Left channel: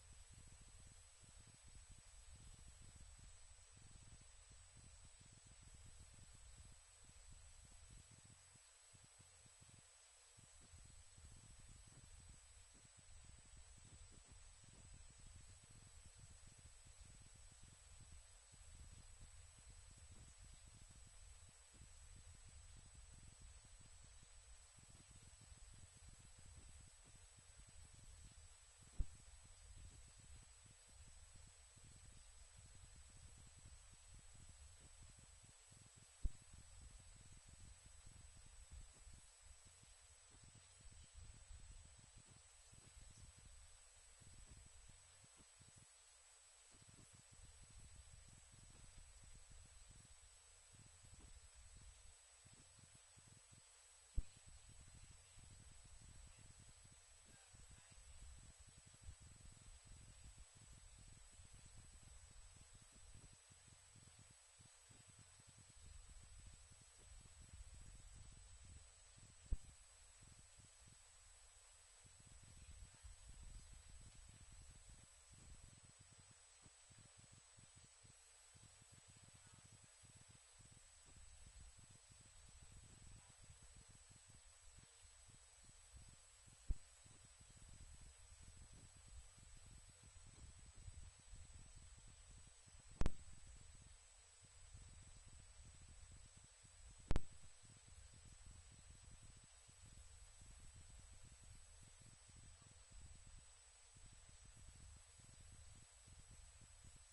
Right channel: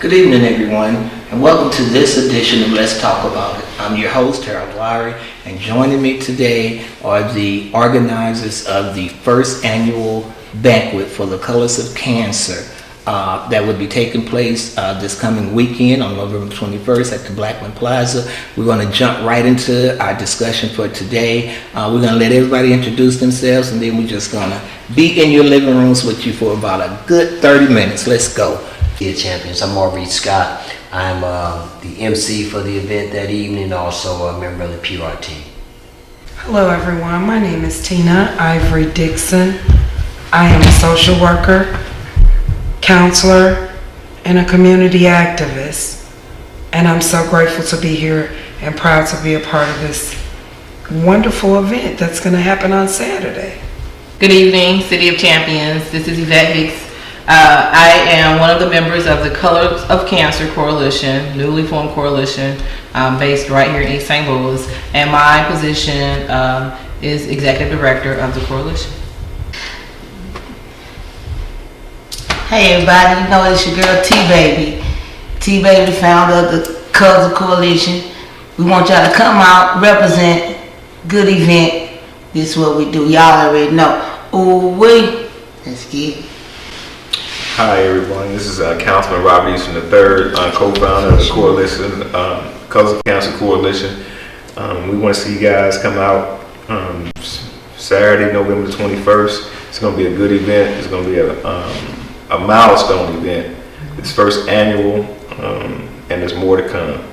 Good evening, everyone, and welcome to this edition of Let's Talk About It. I'm your host, Harold Lawary, and joining me today are the organizers of the first annual banquet for the Colors of Cancer that will be taking place this coming weekend on November 21st at the Blackman Plaza. We're going to jump right into our discussion for today. We're going to let everybody introduce themselves, and then we're just going to be in your living rooms with you for about a good 30 minutes. Let's go. Dear Champions, I'm Maurice Scott. I'm the MC for the event that evening, also a member of the PR team. Hello everyone, my name is Tina Ivory Dixon. I am a social worker, counselor, and a community activist. And I'm so grateful to be here and proud to be a part of this wonderful event that's going to happen on Saturday. Good evening, City of Champions. This is Yvette Hicks. I am one of the members of the Colors of Cancer Coalition, newly formed coalition based right here in East St. Louis, and my position is Executive Director of the coalition. Hey everybody, you know it's your girl T-Baby. T-Baby, founder of the Colors of Coalition. We want y'all to come out, represent, good event. This is what we do, y'all already know. Ooh wee, let's get it. Hi everyone, this is Councilman Robert Easton III, co-founder of the coalition, Colors of Cancer Coalition. We want to see you guys come out Saturday, November 21st. It's going to be a good event. It's going to be a milestone event. It's first annual, and there's more to come.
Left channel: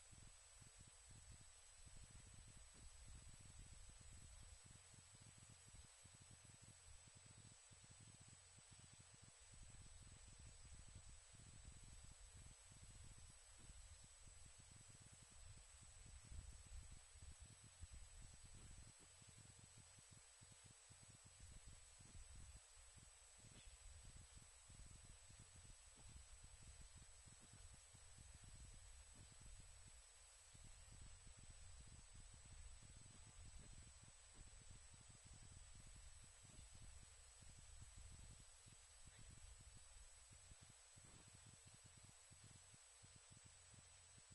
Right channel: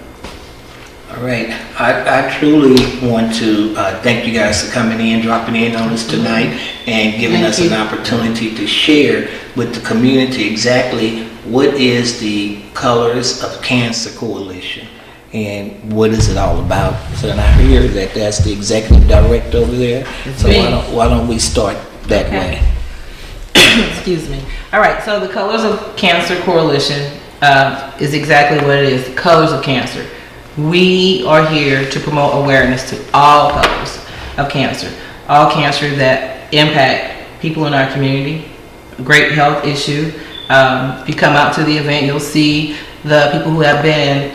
All right, I truly want to thank you guys for coming in, dropping in on us tonight, and giving us an opportunity to share with the community exactly what is the Colors of Cancer Coalition and what is it all about. So I hear that that's the executive director over there. So why don't we start that way? Excuse me. All right, so the Colors of Cancer Coalition is exactly what it is, Colors of Cancer. We are here to promote awareness to all colors of cancer, all cancer that impact people in our community, a great health issue. If you come out to the event, you'll see the people who have been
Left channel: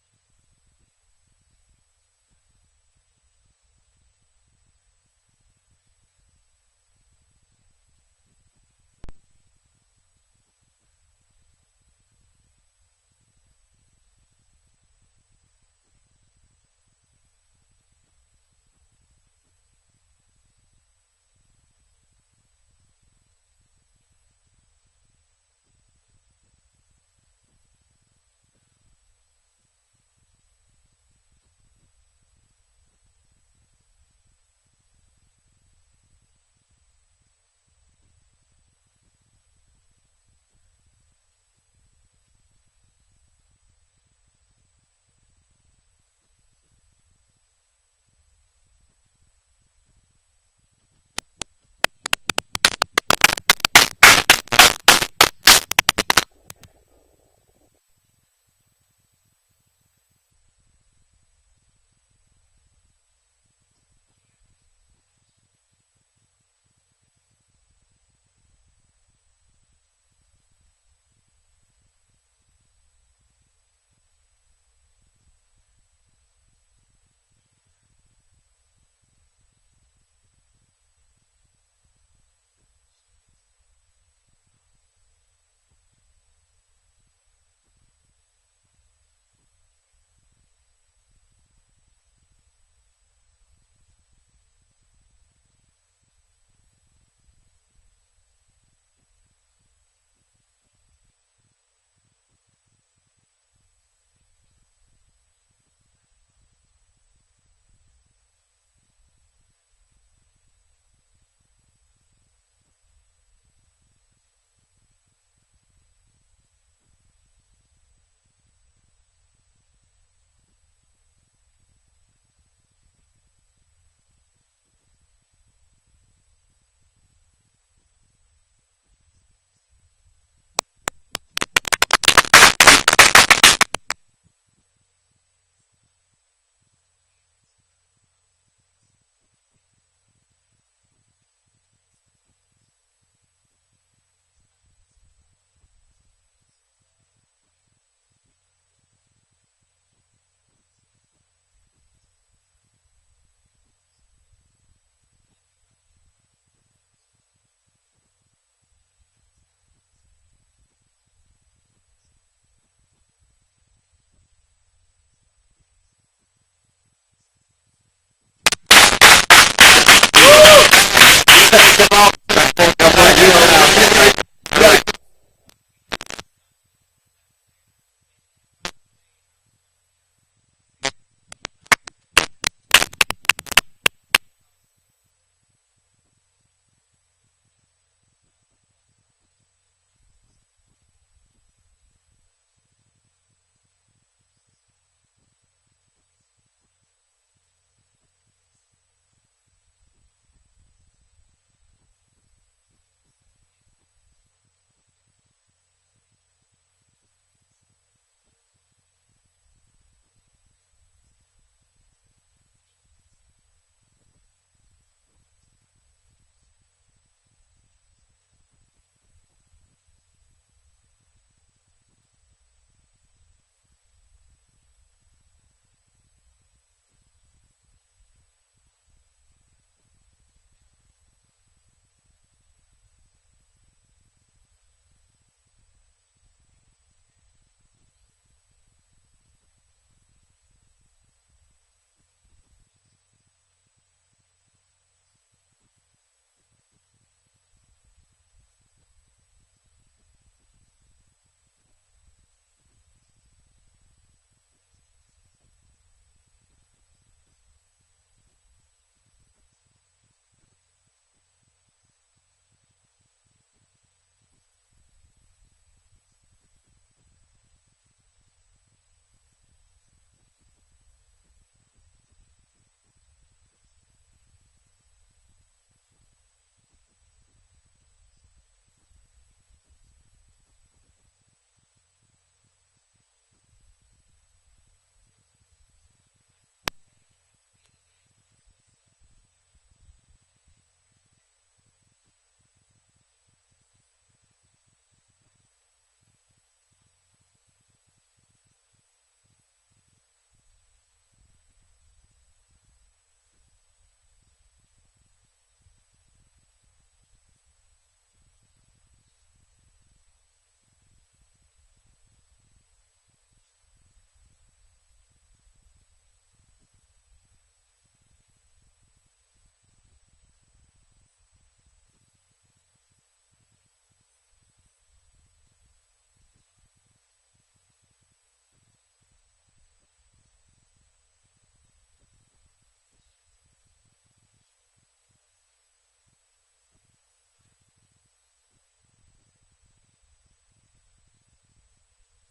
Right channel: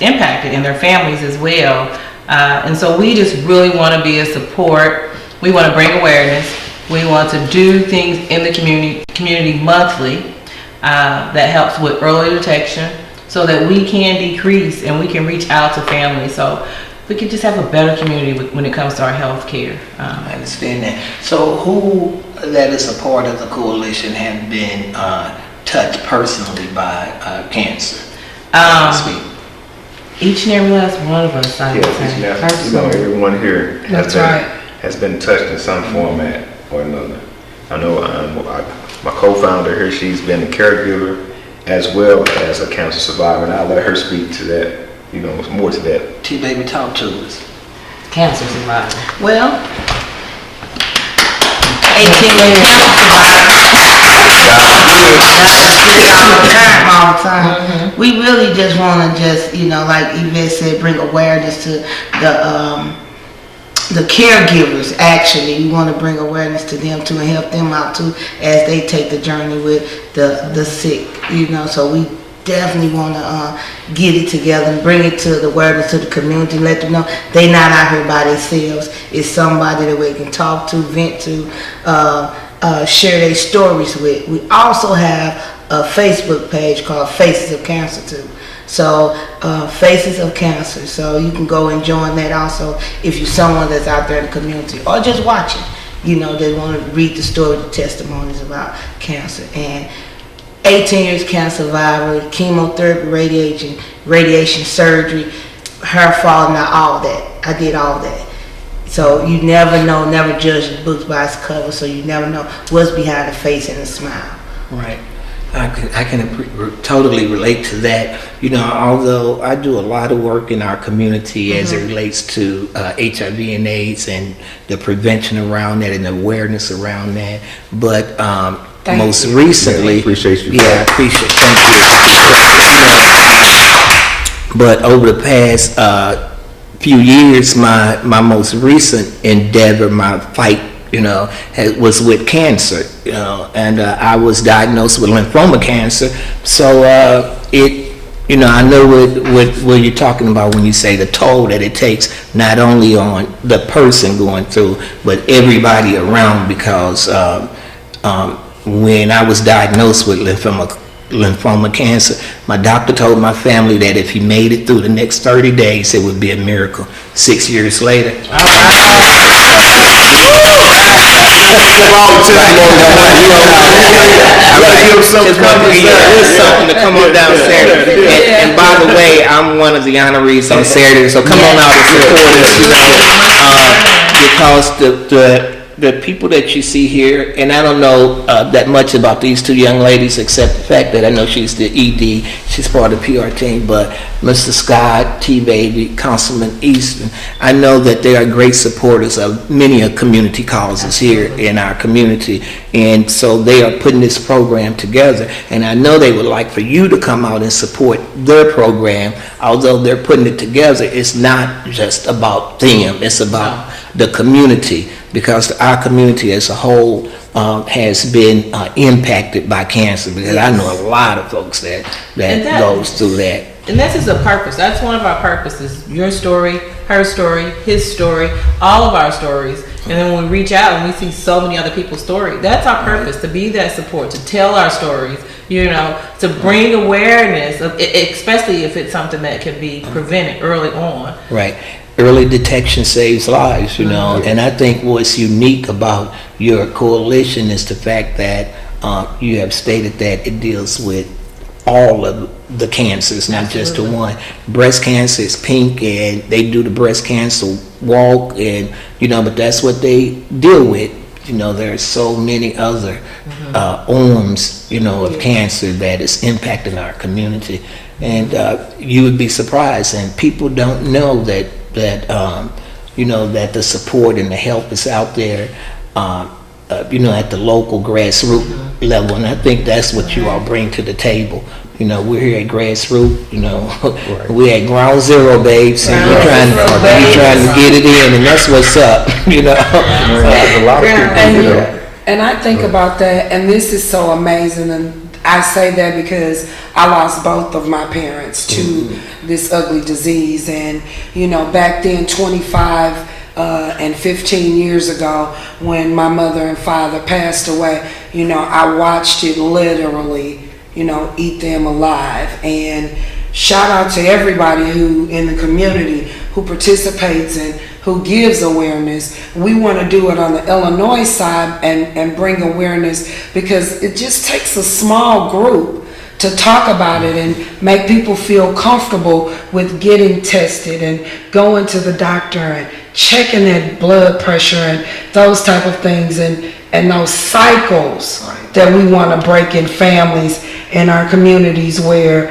impacted and their families as well. And so we just really want to be a support. We want to bring awareness. We want to do things in the community monthly that helps with early detection, so that we can decrease and we can reach out to families. So we can just have a better community when it comes to our health care. I understand that. So who that is a part of the coalition have been touched personally by cancer? Each and every last one of us, I would say. Everyone here That's has been touched in some format or another. I know my co-founder here, she's been a caregiver as well as a cancer survivor, and I'll let her speak to that, more to that. T-Baby, talk to us. Cancer survivor. Well, 18 years cancer all the time. We really just want to like Yvette said, bring awareness to the caregivers. Actually, we want to bring awareness to them too and help them out too as they take the journey with the sick. So we definitely want to get it together and bring it to the awareness to the community and let them know they not out here by themselves. It's somebody that we can talk to, vent to, share their stories with. We also have a Facebook page called Faces of Cancer too. So Faces of Cancer. So you can go and join that also if you're someone that's out there in the community or just watching. They want to read the story, the testimonies about cancer. And 18 years cancer survivor, chemotherapy, radiation surgery, hair falling out, all that. I did all that. So you never know, never judge the book by its cover, so you never know what's behind the face and the smile. Right. I can totally relate to that. Although I do a lot of work in our community as it relates to HIV and AIDS and the prevention around that and the awareness around that. But most recently, I appreciate you. Yeah, I appreciate. Thank you. But over the past few years, my most recent endeavor, my fight was with cancer, and I was diagnosed with lymphoma cancer. So I know what you're talking about when you say the toll that it takes, not only on the person going through, but everybody around, because when I was diagnosed with lymphoma cancer, my doctor told my family that if he made it through the next 30 days, it would be a miracle. 6 years later. There's something to come on down Saturday. And by the way, I'm one of the honorees on Saturday, so come on out and support us, because the people that you see here, and I don't know that much about these two young ladies except the fact that I know she's the ED, she's part of the PR team, but Mr. Scott, T-Baby, Councilman Easton, I know that they are great supporters of many community causes here in our community, and so they are putting this program together, and I know they would like for you to come out and support their program. Although they're putting it together, it's not just about them, it's about the community, because our community as a whole has been impacted by cancer, because I know a lot of folks that goes through that. And this is a purpose. That's one of our purposes. Your story, her story, his story, all of our stories. And then when we reach out and we see so many other people's stories, that's our purpose, to be that support, to tell our stories, to bring awareness, especially if it's something that can be prevented early on. Right. Early detection saves lives, and I think what's unique about your coalition is the fact that you have stated that it deals with all of the cancers, not just the one. Breast cancer is pink, and they do the breast cancer walk, and but that's what they deal with. There are so many other arms, of cancer that is impacting our community, and you would be surprised, and people don't know that the support and the help is out there, at the local grassroots level, and I think that's what you all bring to the table. We're here at grassroots. We're at ground zero, babes, and we're trying to get it in, and that's what's up. A lot of people, and I think about that, and this is so amazing, and I say that because I lost both of my parents to this ugly disease, and back then, 25 and 15 years ago, when my mother and father passed away, I watched it literally, eat them alive. And shout out to everybody who in the community who participates and who gives awareness. We want to do it on the Illinois side and bring awareness, because it just takes a small group to talk about it and make people feel comfortable with getting tested and going to the doctor and checking their blood pressure and those type of things, and those cycles that we want to break in families in our communities, where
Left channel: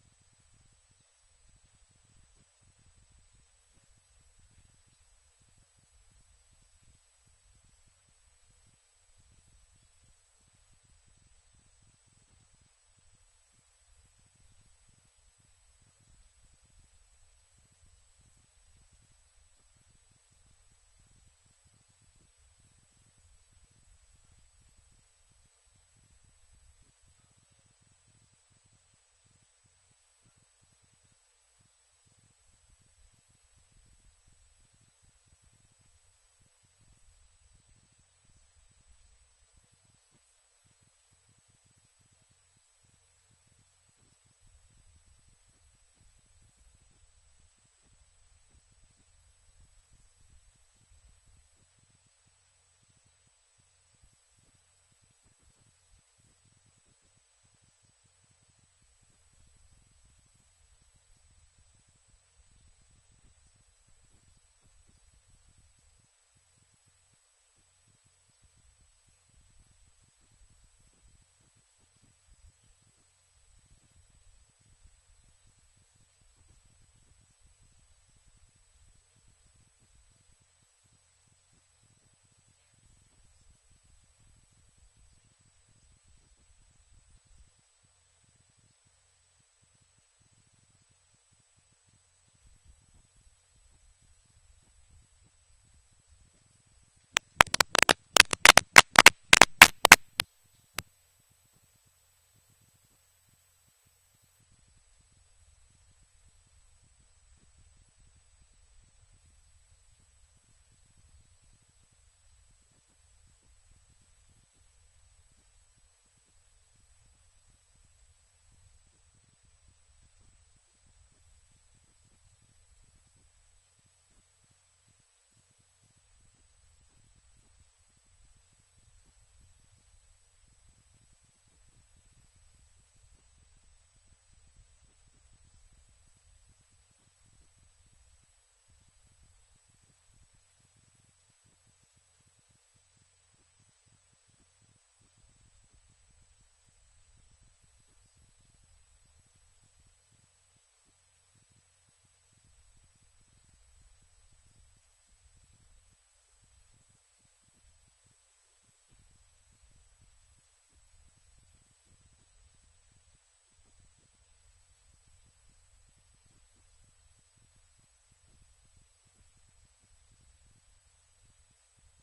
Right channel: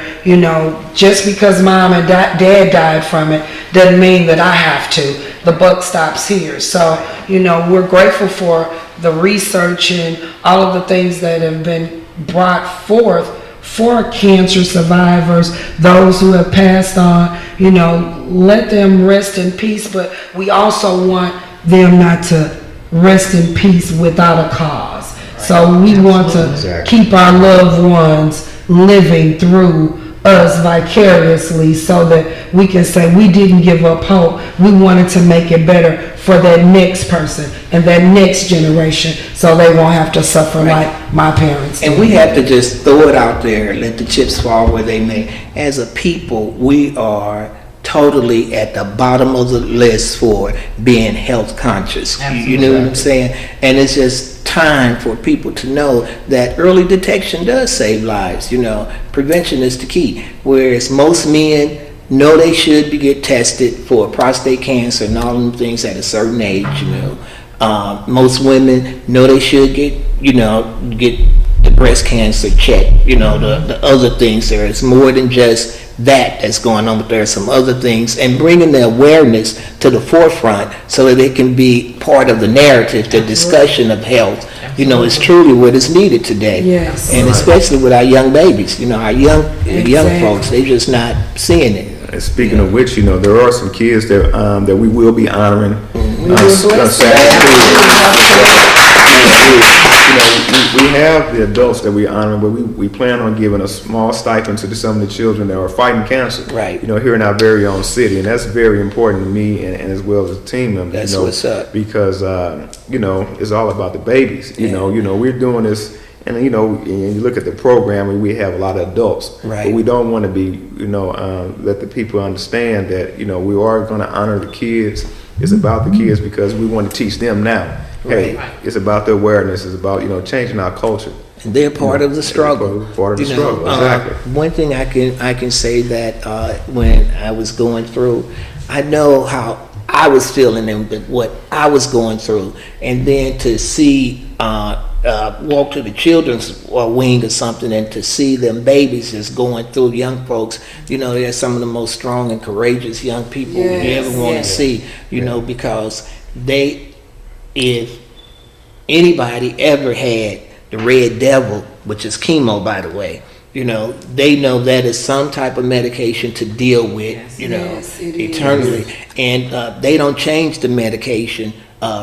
just because mom and dad died from it doesn't mean that I have to. The buck stops here. So we're grateful for the research and all of the things that have been brought forth for cancer survivors, those who have passed on. Let them rest in peace, but we also want them not to rest in peace without a cause. So we want to keep our loved ones living through us vicariously, so that we can say we didn't give up hope. We wanted to make it better for that next person and that next generation, so they won't have to suffer like my parents did. And we have to just throw it out there, let the chips fall where they may. As a people, we are totally at the bottom of the list for being health conscious. You know what I'm saying? And it's just time for people to know that early detection does save lives. Prevention is the key. Whereas most men know they should get tested for prostate cancer and all them things at a certain age. Most women know they should get the breast cancer checked. The other things. There is more than just that's going on, but there are some other things, and bringing the awareness to the forefront so that it can be part of the narrative, the discussion of health, is truly what is needed today. Yes. And especially with our young babies, our young folks, they're just not seeing it. And speaking of which, there are some kids that that we will be honoring. We have the adults that we honor, but we plan on giving a small stipend to some of the children that are fighting cancer. Right. Here in our very own city, and that's very important to me and as well as a team member. That's what's up. Because it's all about the babies. We're doing this. And and you look at the program, and we have a lot of adults, Right. but we don't want to be, let the people understand that, we are going to honor the kids. It's about the kids because we want to teach them now. Hey, Right. it's about the awareness. It's about, changing our culture. And they're part of the struggle. Part of the struggle, exactly. One thing I can say that when I was going through, I know how I was feeling and what I was going through, and then to see walk to the children's wing or something, and to see them babies just going through, young folks, they're some of the most strong and courageous young people you ever want to see, because if anybody ever had the red devil, which is chemo, by the way, they know that is some type of medication to deal with, Yes, it eternally. And they don't change the medication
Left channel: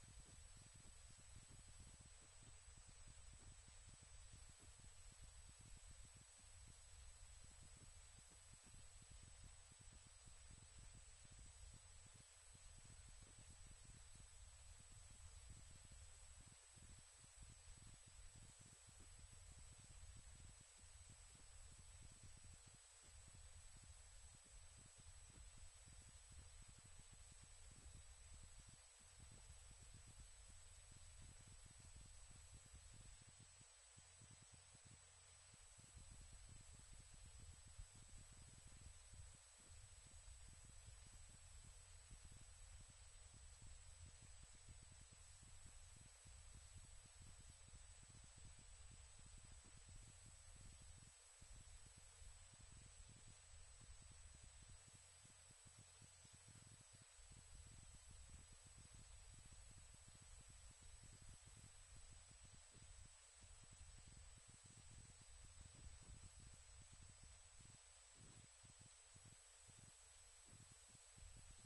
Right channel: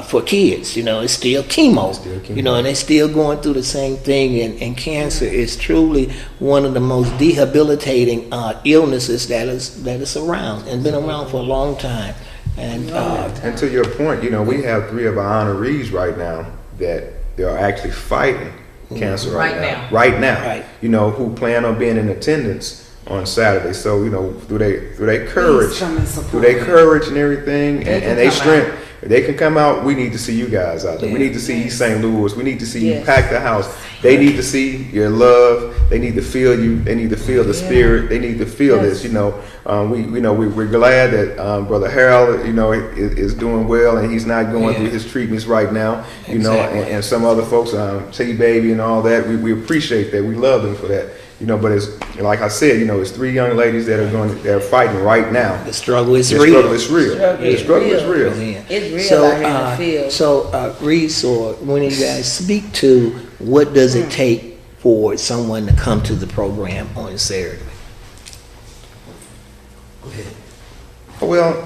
for kids. It's still chemo. And they're still going through the same thing. And cancer is truly one of the most debilitating illnesses that is around and been around for a long time. And to your point, we have 3 of our honorees right now that they are actually fighting cancer right now. Right. Who plan on being in attendance on Saturday. So, through their courage, Please come and support through their them. courage and everything, and their come strength, if they can come out, we need to see you guys out there. We need to see East St. Louis. We need to see you pack the house. They need to see your love. They need to feel you. They need to feel the spirit. They need to feel this. We're glad that Brother Harold, is doing well, and he's not going through his treatments right now. Exactly. And some other folks, T-Baby and all that. We appreciate that. We love them for that. But it's like I said, it's 3 young ladies that are fighting right now. the struggle is The real. struggle is real. The struggle is real. Yeah. It's real So, out here in the field. Reese, or one of you guys, speak to what does it take for someone to come to the program on Saturday? Well,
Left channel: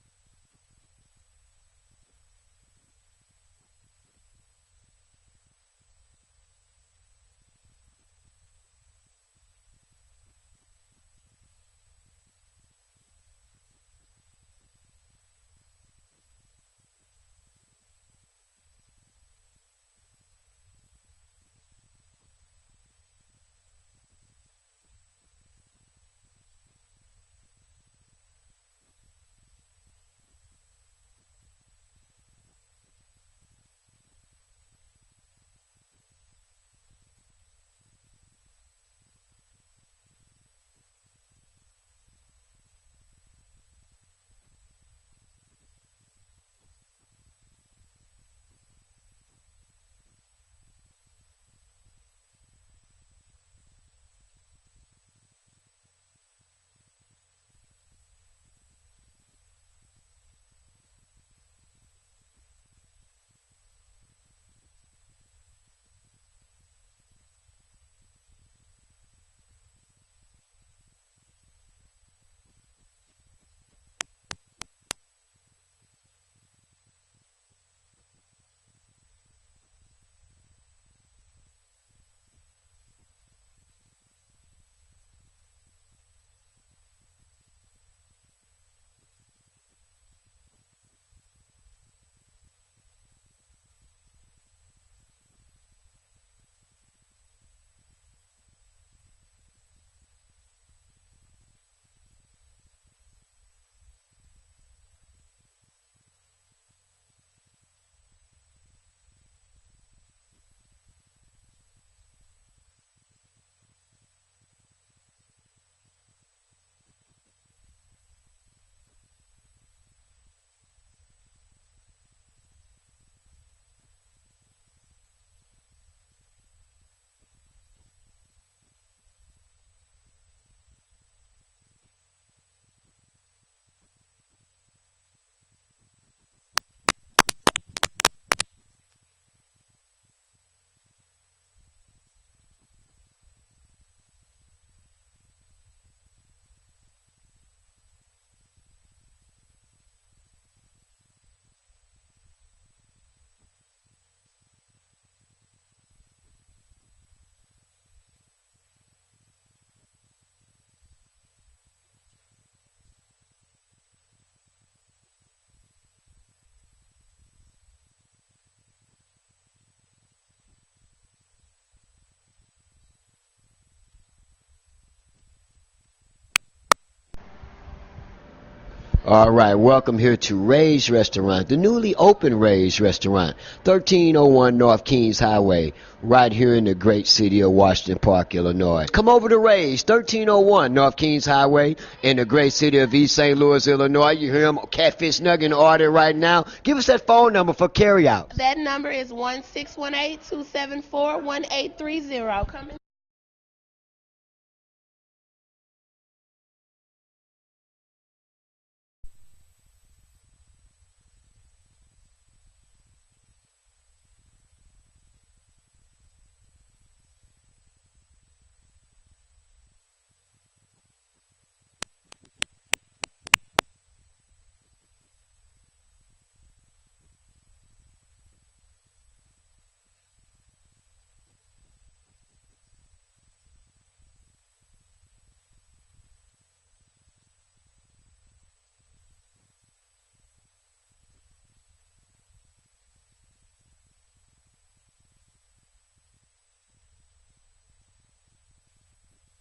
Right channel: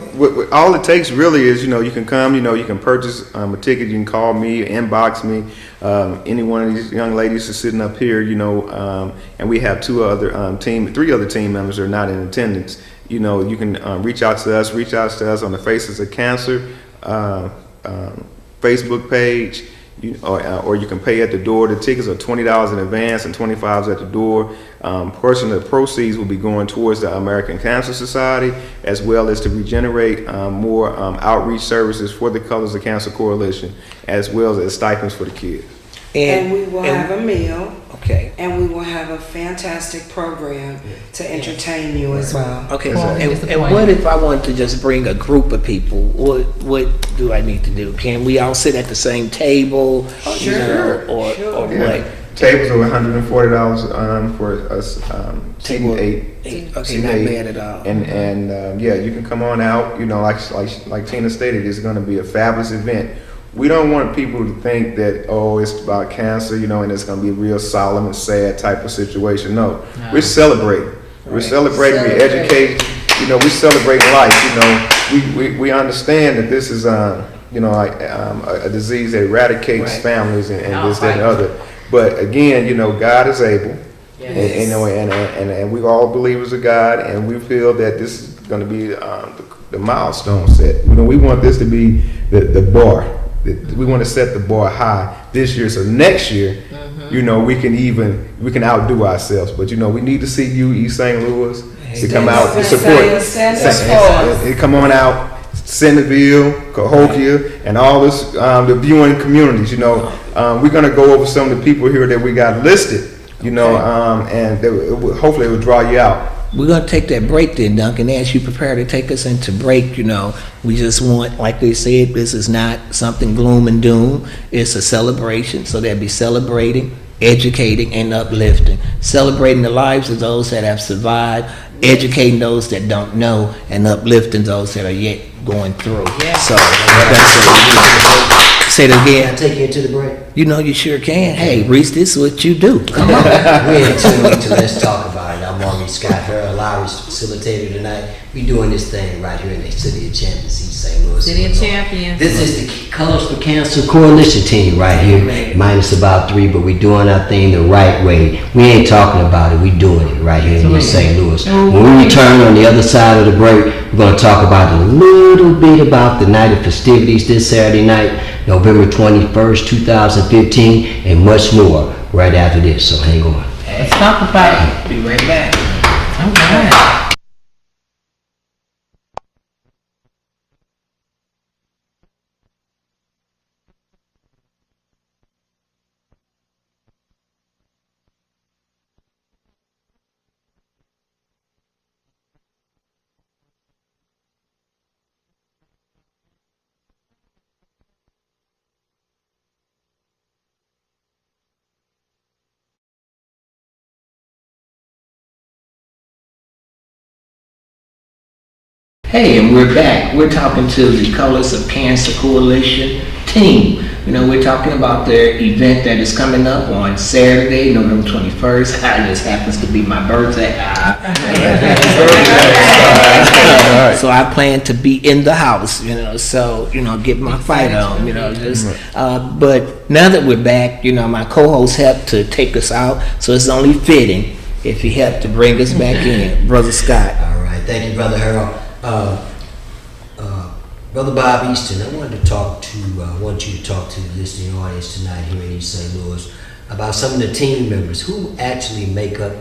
all it takes really is, you can come, you can purchase a ticket, you can call me, inbox me. Any one of these young ladies are sitting up here, and we have 3 other team members that are not in attendance. You can reach out to us on the Faces of Cancer Facebook page. Or you can pay at the door. The tickets are $20 in advance and $25 at the door. Portion of the proceeds will be going towards the American Cancer Society, as well as to regenerate more outreach services for the Colors of Cancer Coalition, as well as stipends for the kids. And we will have a meal. Okay. And we will have a fantastic program to entertain you as well. Okay. Well, And disappointing. what if I want to just bring a group of people? What do I need to do? Can we all sit at the same table? Sure. Or what? Tables are $140 for us, Table seating 8. Okay, Seating not 8. bad at all. And you can come on out. Like Tina stated, it's going to be a fabulous event. We don't want people to think that, it's about cancer, and it's going to be a real solemn and sad type of situation. No. We're celebrating. We're celebrating. We educate. We're celebrating life. We understand that this is a disease that eradicates Right. families and this, that, and other. But again, God is able. Yes. And we all believers of God, and we feel that this is going to be the milestone set. We want this to be the bar. We want to set the bar high this year, so next year, we can outdo ourselves. But we need to see you, East St. Louis, to come out and support. Come on out, Centerville, Cahokia, and all this the viewing communities. We're gonna go over some of the people here that we got listed. And hopefully it will draw you out. We're going to take that break then, Duncan. As you prepare to take us into break, we just want, like they said, this is not something gloom and doom. It's a celebration. So they'll be celebrating, educating, and uplifting. Celebrating the lives of those that have survived, educating those that don't know, and uplifting those that are yet going through. Yeah. So that's what we do. Say it Can I again. take you into the break? You sure can. Hey, Reese, this is what you do. Come on. We're in tune to Let's Talk About It. right, I'm Maurice Scott, Harold Lawry's facilitator tonight. We doing this thing right here in the City of Champions, East St. Louis. City of Illinois. Champions. This is the Colors for Cancer Coalition team right here, minus about 3, but we doing our thing the right way. We ain't talking about it, we doing it right here in East St. Louis. When we return on the other side of the break, we're going to talk about a little bit about the night of festivities this Saturday night, November 21st, 2015, and much more right after this, so hang on. Let's talk about it. Be right back. All right. All right, welcome here to Ray's Restaurant, the newly opened Ray's Restaurant, 1301 North Kings Highway, right here in the great city of Washington Park, Illinois. Come over to Ray's, 1301 North Kings Highway, in the great city of East St. Louis, Illinois. You hear them catfish nugget order right now. Give us that phone number for carryout. That number is 1-618-274-1830. Come in. Hey, and we're back. We're talking to the Colors of Cancer Coalition team. You know, we're talking about their event that is coming up on Saturday, November 21st. It just happens to be my birthday. So I plan to be in the house, you know, so, you know, get my fight on, you know, just, but now that we're back, you know, my co-host helped to take us out, so it's only fitting if he helped to bring us back in, Brother Scott. All right, thank you, Brother Harold. Brother Bob Easton, I want you to talk to the listening audience tonight here in East St. Louis about some of the team members who actually make up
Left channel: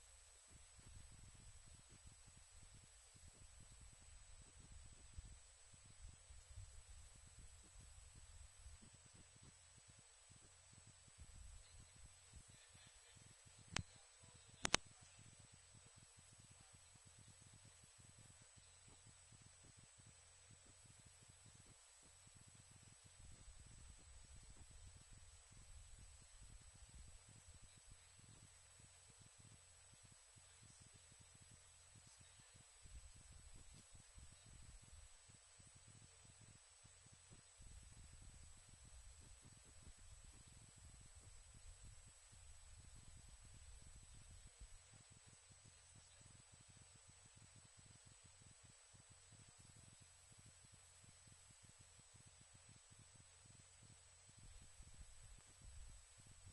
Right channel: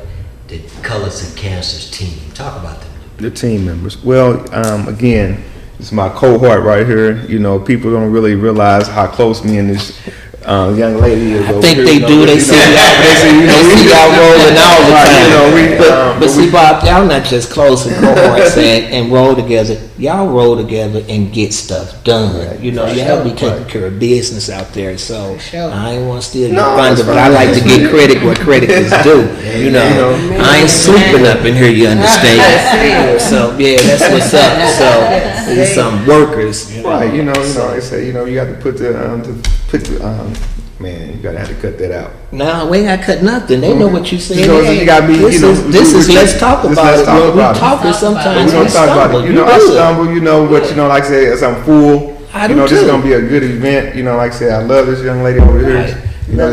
the Colors of Cancer's team. Talk about them. The team members. Well, again, it's my cohort right here. You know, people don't really realize how close me and this young lady is. I think they do. They see y'all rolling all the time. But see, Bob, y'all not just close and cohorts and roll together. Y'all roll together and get stuff done. You know, y'all be taking care of business out there. So I ain't want to steal your thunder, but I like to get credit where credit is due. You know, I ain't sleeping up in here. You understand? So yeah, that's what's up. So there's some workers. Right. You know, like I say, you know, you got to put the man, you gotta have to cut that out. No, we ain't got to cut nothing. They know what you said. You know, you gotta be, this you know, is let's talk about it. We talking sometimes. We're gonna talk about it. You know, I stumble, you know, but you know, like I say, as I'm full, you know, this is gonna be a good event. You know, like I say, I love this young lady over here. You know,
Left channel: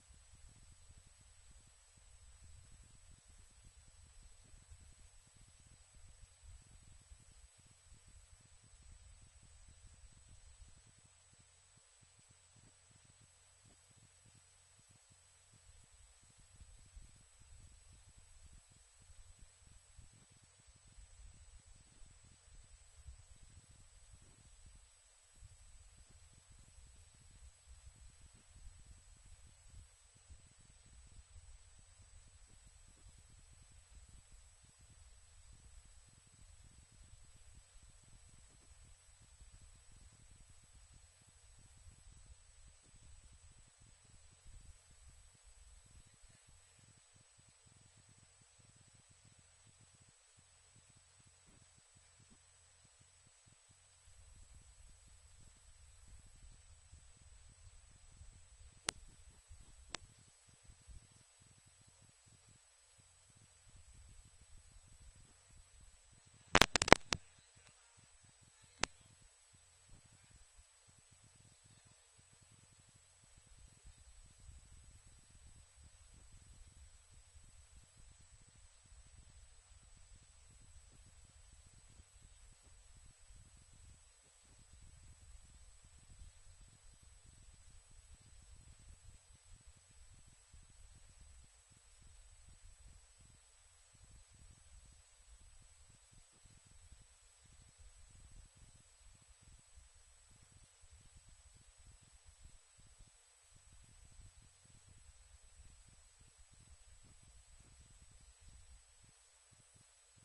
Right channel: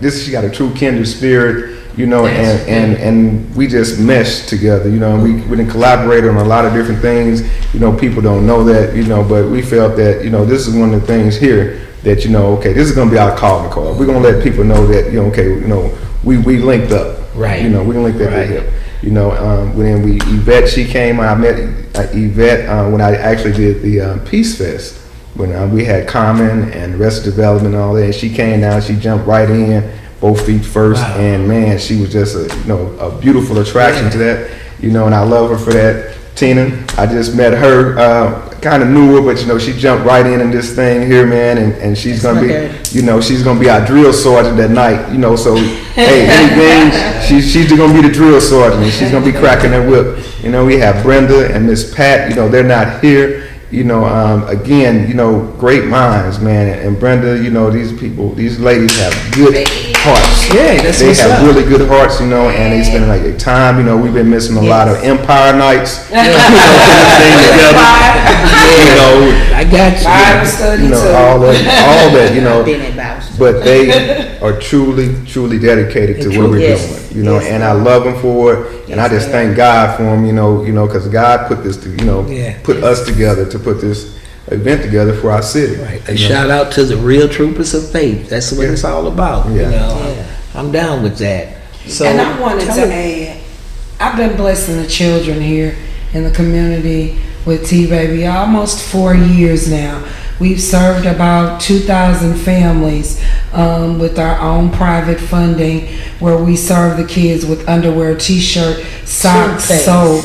this she got a true kindred spirit. You know, and we just meshed together. You know, we didn't collaborate on a lot of different things. You know, people don't know that. You know, but we felt that, you know, this is one of the things here that, you know, okay, this is gonna be our calling card. We're gonna let people know that, you know, okay, you know, we linked up. Right. You know, we linked up with him. You know, when Yvette, she came, I met Yvette when I actually did the Peace Fest, when we had Carmen and Arrested Development and all that. And she came down, she jumped right in, both feet first, and man, she was just a beautiful attraction to that. You know, and I love her for that. Tina, I just met her, kind of knew her, but you know, she jumped right in this thing here, man, and she's gonna be, you know, she's gonna be our drill sergeant that night, you know. So hey, anything, she's gonna be the drill sergeant, and she's gonna be cracking that whip. You know, we have Brenda and Miss Pat. You know, they're not here. You know, again, you know, great minds, man. And Brenda, you know, these ladies have good hearts. Yeah, they have really good hearts, you know, and they spend like their time. You know, we've been missing a lot of Empire nights. You know, you know, I got you. Bible study you know, too. all that, you know. But they are truly dedicated to what we're doing, you know, and I love them for it, and I just thank God for them, you know, because God put this, put us together to put this event together for our city. Right. A shout out to the real troopers of faith. That's what it's all about. Yeah. You know, I'm down with that. So, And I wanted to add, I've been blessing the children here in the community with T-Baby almost 4 years now. We've served about 2,000 families with our own private funding, where we serve the kids with underwear, t-shirt, socks, soap,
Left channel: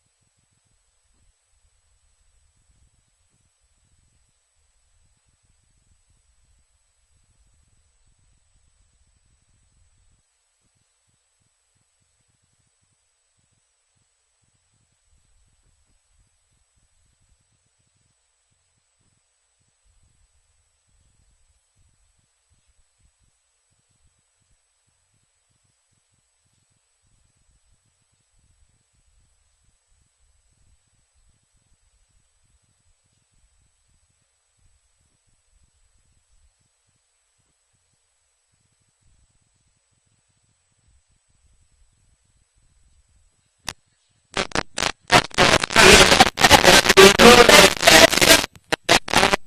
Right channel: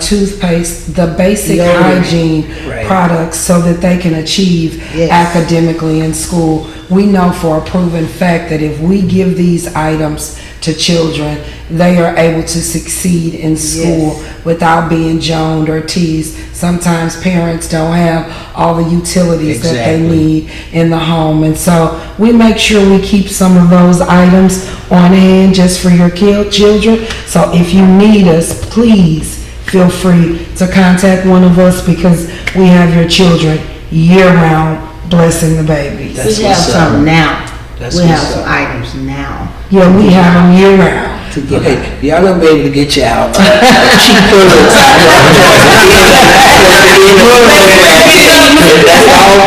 toothpaste, the basic hygiene products so that they can achieve academically in school. We know for a proven fact that if we give these items to children, they are able to succeed in school without being joned or teased. Sometimes parents don't have all the utilities that they Exactly. need in the home, and so we make sure we keep some of those items on hand just for your children. So if you need us, please feel free to contact one of us, because we have your children year-round blessing the babies. That's We have what's up. some now. That's We have what's some up. items now. Yeah, we have them year-round. Okay, y'all gonna be able to get you out. Cheap bullets.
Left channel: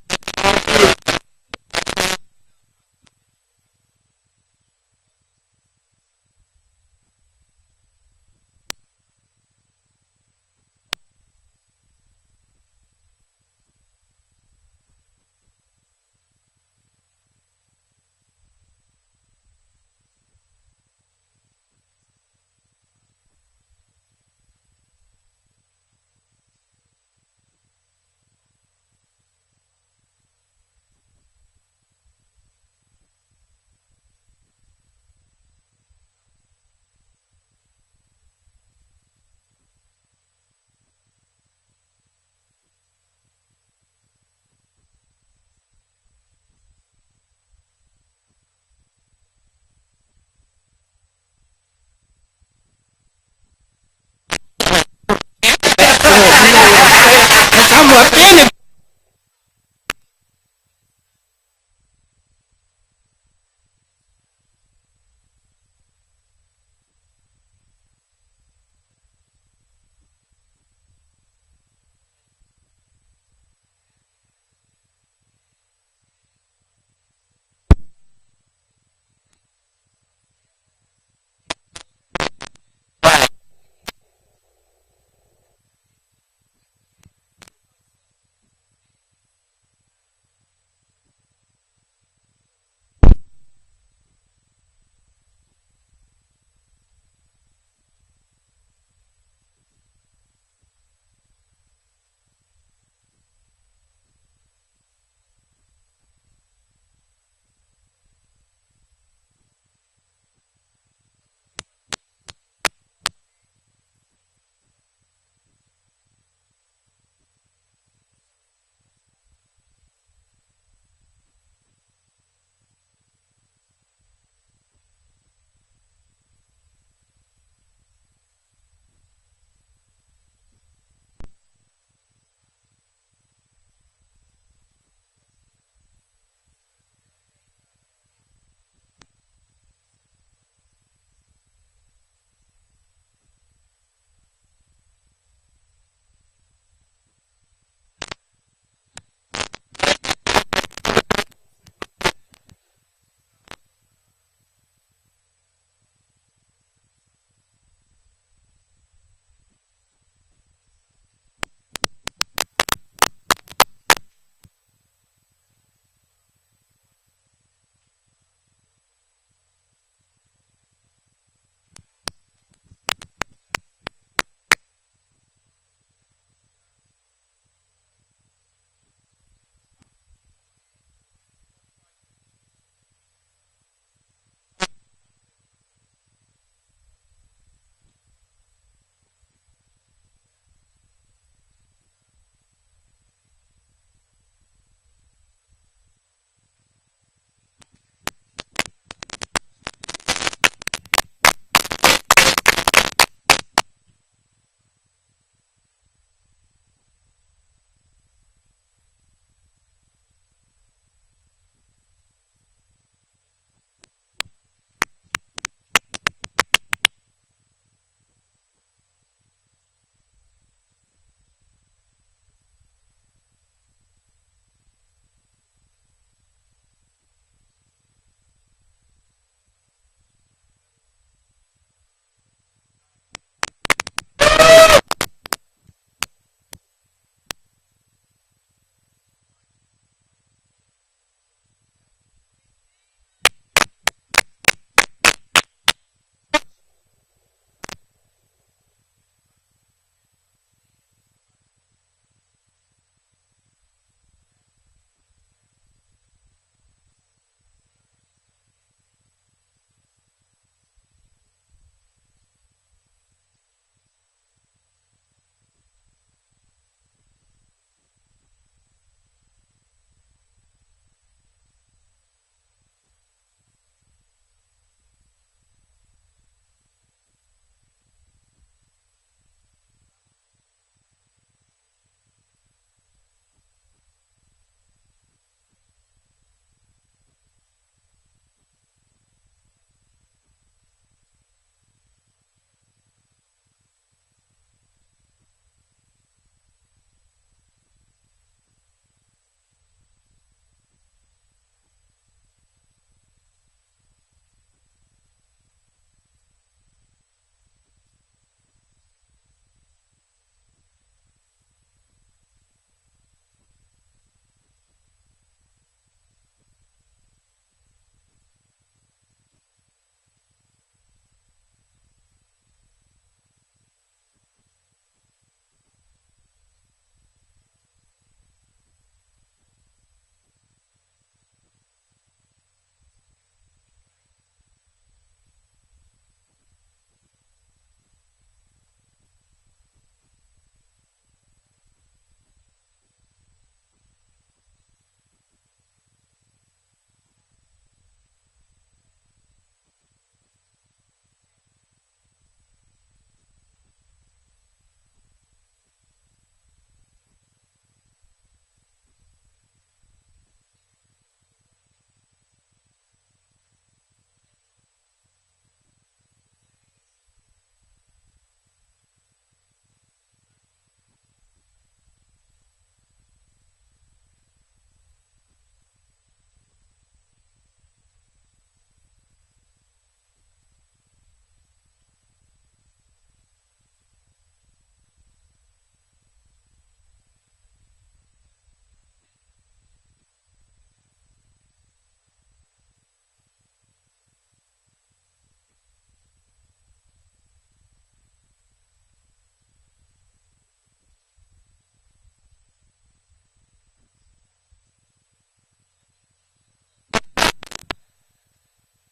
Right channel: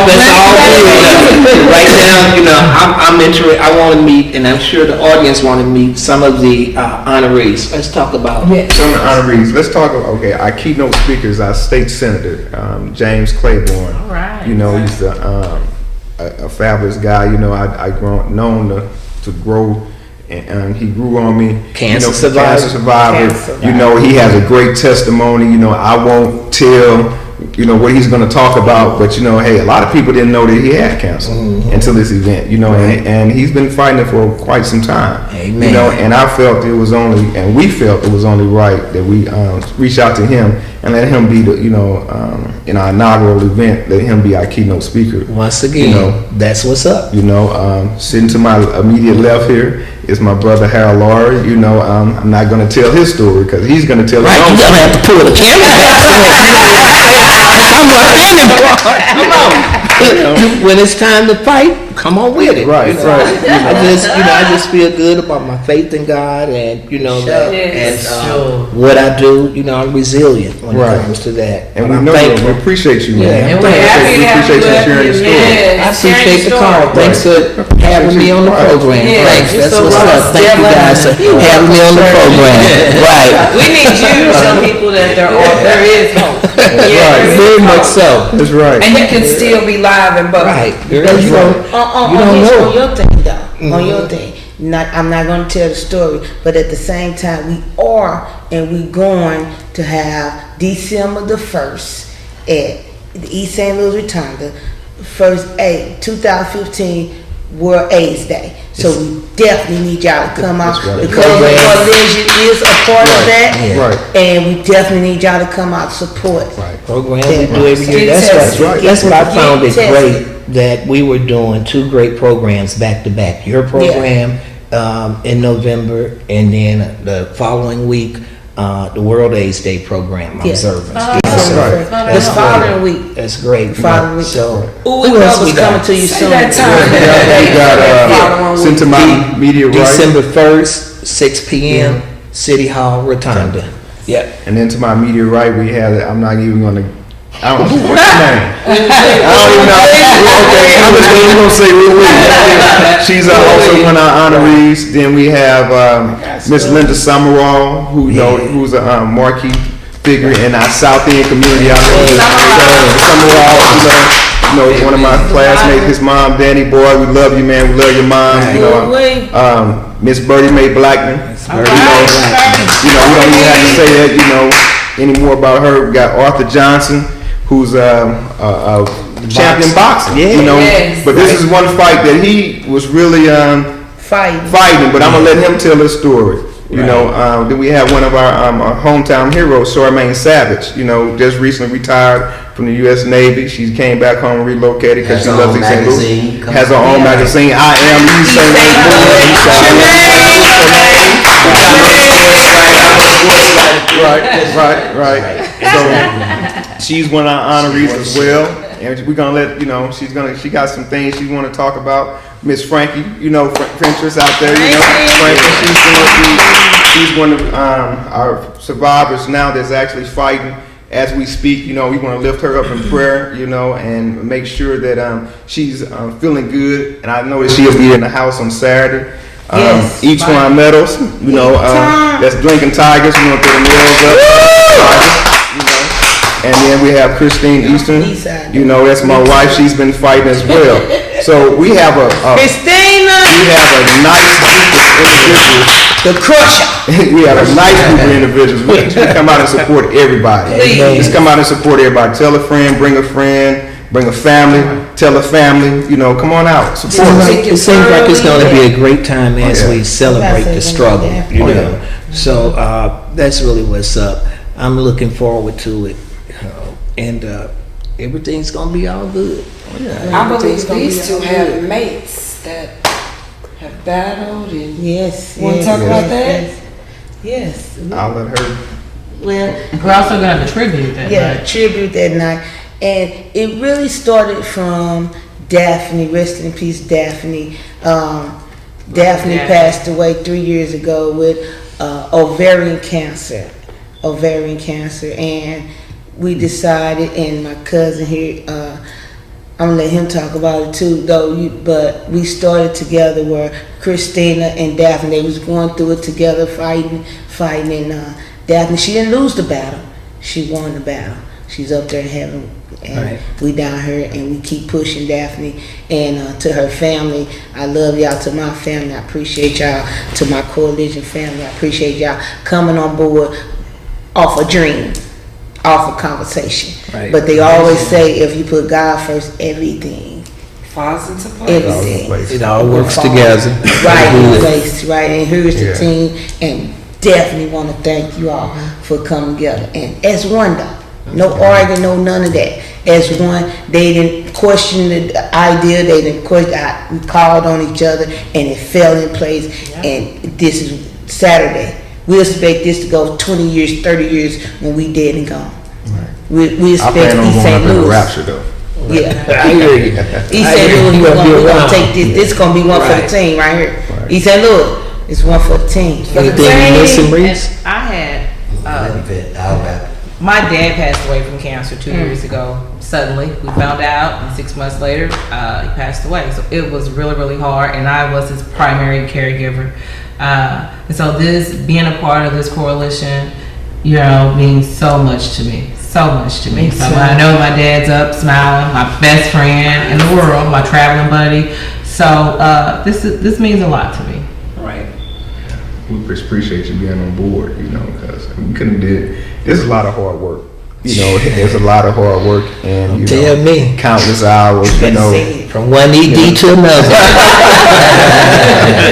That's all good. Right now, you know, I'm interested, I wanna meet, and I'm sure the audience wanna meet some of the honorees. Let's talk about. Yeah. Some of the honorees, let's talk about, okay, our keynote speakers, our state senator, James Claiborne. All right. You know, he's a fabulous guy, you know, I known to grow, and he grew on me. Cancer You know, survivor. Cancer survivor. Cancer You know, he has a great testimony, you know, I won't tell, you know, what he's gonna talk about, but you know, hey, a lot of people didn't know that he had cancer until this event, you know, and he's been fighting it for quite some time. Amen. You know, and I felt it was only, and we felt it was only right that we reach out to him and let him be the, you know, in our inaugural event, let him be our keynote speaker. Once again, You know, that's what's up. You know, sitting to my immediate left here is my brother Harold Lawary. You know, I'm not going to tell his story because he's going to tell his Right, own you story. gonna have to pull the camera back for it. You know what I'm saying? 'Cause I'm up in it. Come on. When it's time to fight, come on with it. Right, you know? right. I just feel good about my faith in God, and you know that, and what I do. You know, I'm resilient when Right. it comes to that. And But we I'm know thankful. we appreciate you, Yeah, man. and we're happy We to have appreciate you you up sharing here, the story. man. I appreciate the call. Thanks for having me on the Right. program. Yeah, Thanks. you're That's so what's welcome. up. Thank you guys for having me on the program. Right. We need you to show people that there is hope. Right. Very much so. That's right. And you can still be live and bubbly. Right. Girl, Because you you don't. On You don't know. your thing though, on your thing. I'm not going to tell the story, but at the same time, we going to have December the 1st at the East St. Louis Rotunda, 2015 World AIDS Day. So we definitely need y'all to come out. That's right. The Coalition Coalition is a part of that. Yeah. Right. And we definitely need y'all to come out to support. Program we do every year. Get That's tested. what, that's what I found it Get great, tested. that we were doing two great programs back to back. Your program in November, and then the following week, the World AIDS Day program Yeah. observance. Right. This following week. That's great. Following week. So, Who else is coming to you soon? that time. We got sent to my media right. December 1st, 6 p.m., City Hall, Rotunda. Yep. And then to my media right, we had, I'm not even going to, I don't know, what's your name? I don't even know. Okay, I'm just going to say Louise. She's also one of our honorees. Then we have Miss Linda Summerall, who's a marquee figure in our South End community out there. Summerall, you know, one of my classmates, his mom, Danny Boy, we love you, man. We love your mom. You know, Miss Birdie Mae Blackman. You know, we don't even have to say that, you know, any more about her. We got Arthur Johnson, who's a champion boxer. Yeah. You know, Yes. but this is one fight that he was really fighting. But I'm gonna let him tell his story. You know, then we have one of our hometown heroes, Charmaine Savage. You know, just recently retired from the U.S. Navy. She came back home, relocated because she loves East St. Louis. Has her own magazine. I am East St. Louis. Right. So she's one of our honorees as well, and we're gonna let you know. She got some things she want to talk about. Miss Frankie, you know, Frentress out there, you know, Frankie. She's one of our survivors now that's actually fighting as we speak. You know, we want to lift her up in prayer, you know, and make sure that she's feeling good. And I know that she'll be in the house on Saturday. Yes. Each one medals, you know, that's Lincoln Tigers. We want to put the medals up. You know. And then we have Christine Easton. You know, that's my wife. She's been fighting as well. So we have a Christina. nice group of individuals. The Crusher. We have a nice group of individuals. We come out and support everybody. Please. Just come out and support everybody. Tell a friend, bring a friend. bring a family, tell a family, you know, come on out, support us. It seems like it's going to be a great time as yeah. we celebrate the struggle, you Oh, know. yeah. So that's really what's up. I'm looking forward to it, and everything's going to be all good. I believe these two have mates that have battled and. Yes. Wanna talk about that? Yes. I'll let her. Well, We're also gonna have a tribute that yeah, night. tribute that night. And it really started from Daphne, rest in peace, Daphne. Daphne Yeah. passed away 3 years ago with ovarian cancer. And we decided, and my cousin here, I'm gonna let him talk about it too, though. But we started together where Christina and Daphne, they was going through it together, fighting. And Daphne, she didn't lose the battle. She won the battle. She's up there in heaven, and Right. we down here, and we keep pushing Daphne. And to her family, I love y'all. To my family, I appreciate y'all. To my coalition family, I appreciate y'all coming on board off a dream, off a conversation. Right. But they always say, if you put God first, everything, Falls into place. everything. It all works together. Right in Good. place, right. And here's the Yeah. team, and definitely want to thank you all for coming together. And as one, though, no arguing, no none of that. As one, they didn't question the idea. They didn't question. We called on each other, and it fell in place. And this is Saturday. We expect this to go 20 years, 30 years when we dead and gone. We I expect plan on East going up St. in the Louis. rapture though. Yeah. I hear you. East I St. hear Louis, you we're gonna be gonna around. take this. This gonna be one for Right. the team right here. Right. East St. Louis, it's one for the team. Anything you missing, Reese? And I had, I'll wrap. my dad passed away from cancer 2 years ago. Suddenly, we found out, and 6 months later, he passed away. So it was really, really hard, and I was his primary caregiver. And so this, being a part of this coalition, you know, means so much to me. So much to me. So when I know my dad's up, smiling, my best friend in the world, my traveling buddy. So this means a lot to me. Right. We just appreciate you being on board, you know, because we couldn't did. There's a lot of hard work. You know, there's a lot of hard work, and you Tell know, me. countless hours. You know, From one ED to another.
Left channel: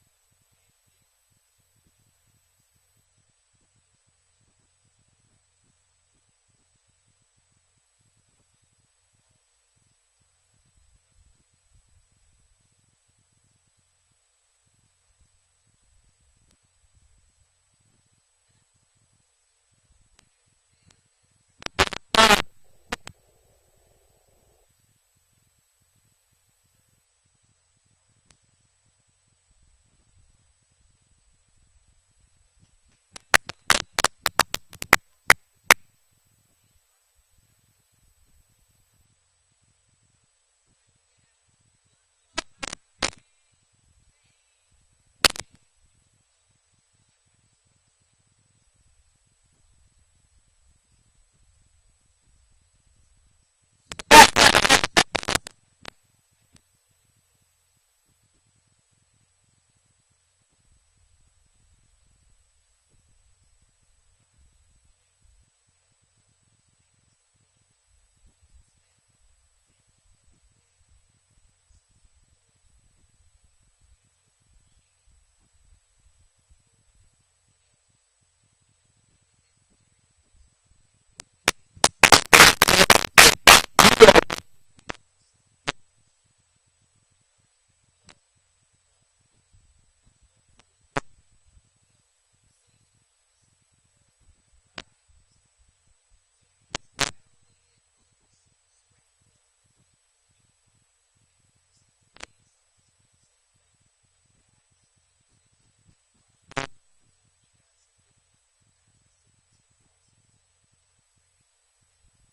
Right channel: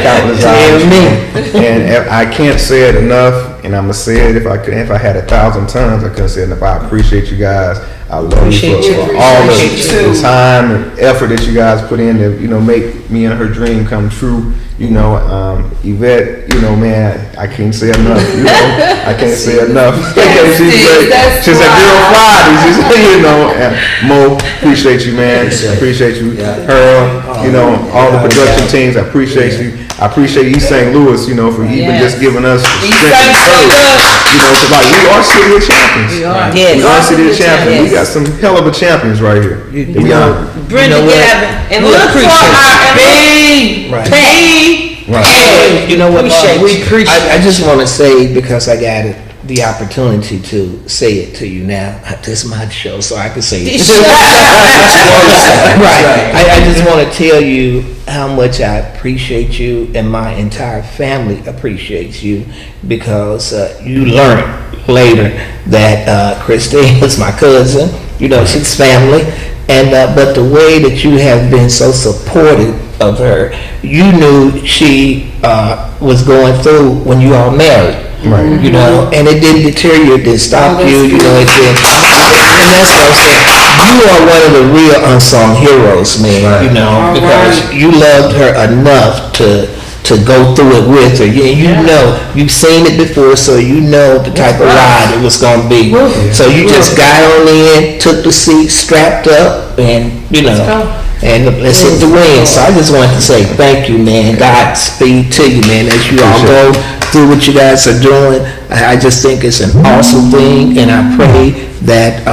countless Tell hours. me. And I can't say it enough, and I'm gonna say it if I could. If I had 1,000 times, I couldn't say it enough. I appreciate you guys. I love Appreciate you you. for all Appreciate the time and effort that you guys put in to, you know, make me and her dream come true. You know, Yvette, you know, man, I can't say enough. You know, I can't say enough. She's great. She's a girl Friday. She's, you know, and Mo, appreciate you, man. Appreciate you, Harold. You know, all the production teams. I appreciate you. I appreciate East St. Louis, you know, for even just giving us the strength and courage. You know, because like we are city of champions. We are. Yes. We are city of champions. Yes. We got some hell of a champions right here. You We know, are. Brenda you know what? Gavin, And we look for appreciate our you. Right. You know what? Appreciate we you. appreciate. I just want to say, because I got it, the opportunity to say it to you now. This is my show, so I can say it. Right. I just want to tell you how much I appreciate you, and my entire family appreciates you, because you learned later that Christine was my cousin. You know, she's family. And but the way that you have been so supportive of her, you knew she was going through when you all married. Right. You know, and it didn't deter you, it didn't stop you, you know, it didn't. And that's what I'm saying. You are one of the real unsung heroes, man, you know, because you loved her enough to go through it with her. You know, you've seen it before, so you know the type of ride it was going to be. So you just got on in, took the seat, strapped up, and, you know, and let's hit the wind. So I just wanted to say thank you, man. Godspeed to you, man, as you all go through what you guys are doing. I just think it's an awesome thing, and I pray that